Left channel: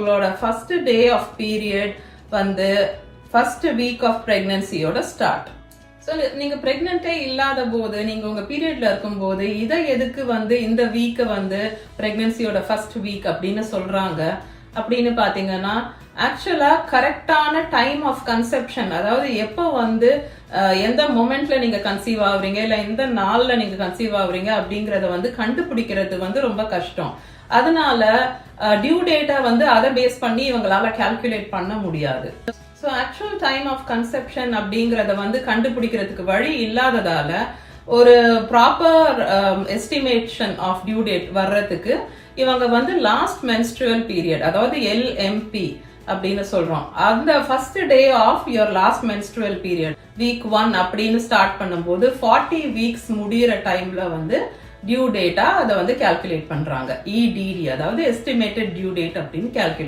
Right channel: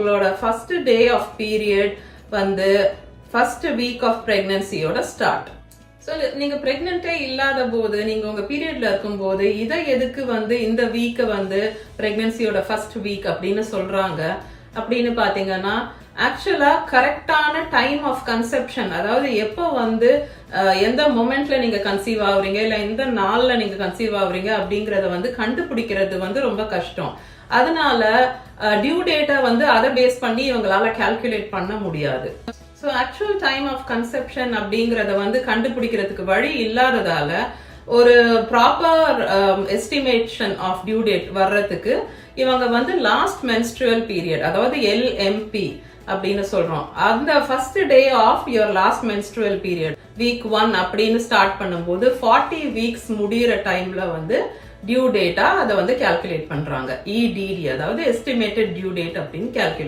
உங்களோட first day of period வந்து first week of பிரெக்னன்சியோட ஸ்டார்ட். ஸோ நீங்க பிரெக்னென்ட்டே இல்லாத போது, நீங்க உங்க பீரியட்ல இருக்கும் போது இதை எதுக்கு வந்து இந்த வீக்கை வந்து பிரெக்னன்சியோட ஃபர்ஸ்ட் வீக் அப்படின்னு சொல்றாங்க அப்படின்னு பாத்தீங்கன்னா, ஆக்சுவலா கரெக்டான டைம் ஆஃப் கன்செப்ஷன், அதாவது எப்போ வந்து எந்த மொமெண்ட்ல நீங்க கன்சீவ் ஆகுறீங்க இல்ல எந்த நாள்ல நீங்க கன்சீவ் ஆகுறீங்க அப்படிங்கறத வந்து கண்டுபிடிக்கிறது வந்து ரொம்ப கஷ்டம். அதனால டியூ டேட்டா வந்து அதை பேஸ் பண்ணி இவங்களால கால்குலேட் பண்ண முடியாது. So actual time of conception அப்படிங்கறத வந்து கண்டுபிடிக்கிறதுக்கு வழி இல்லாததால ஒரு proper estimation of due date வர்றதுக்கு இவங்க வந்து லாஸ்ட் மென்ஸ்ட்ருவல் பீரியட், அதாவது LMP அப்படின்னு சொல்றோம், அந்த first day of your last menstrual period week 1 அப்படின்னு ஸ்டார்ட் பண்ணும்போது 40 வீக்ஸ் முடியிற டைம்ல வந்து டியூ டேட்டா அதை வந்து கால்குலேட் பண்றாங்க. EDD, அதாவது எஸ்டிமேட்டட் டியூ டேட் அப்படின்னு கால்குலேட்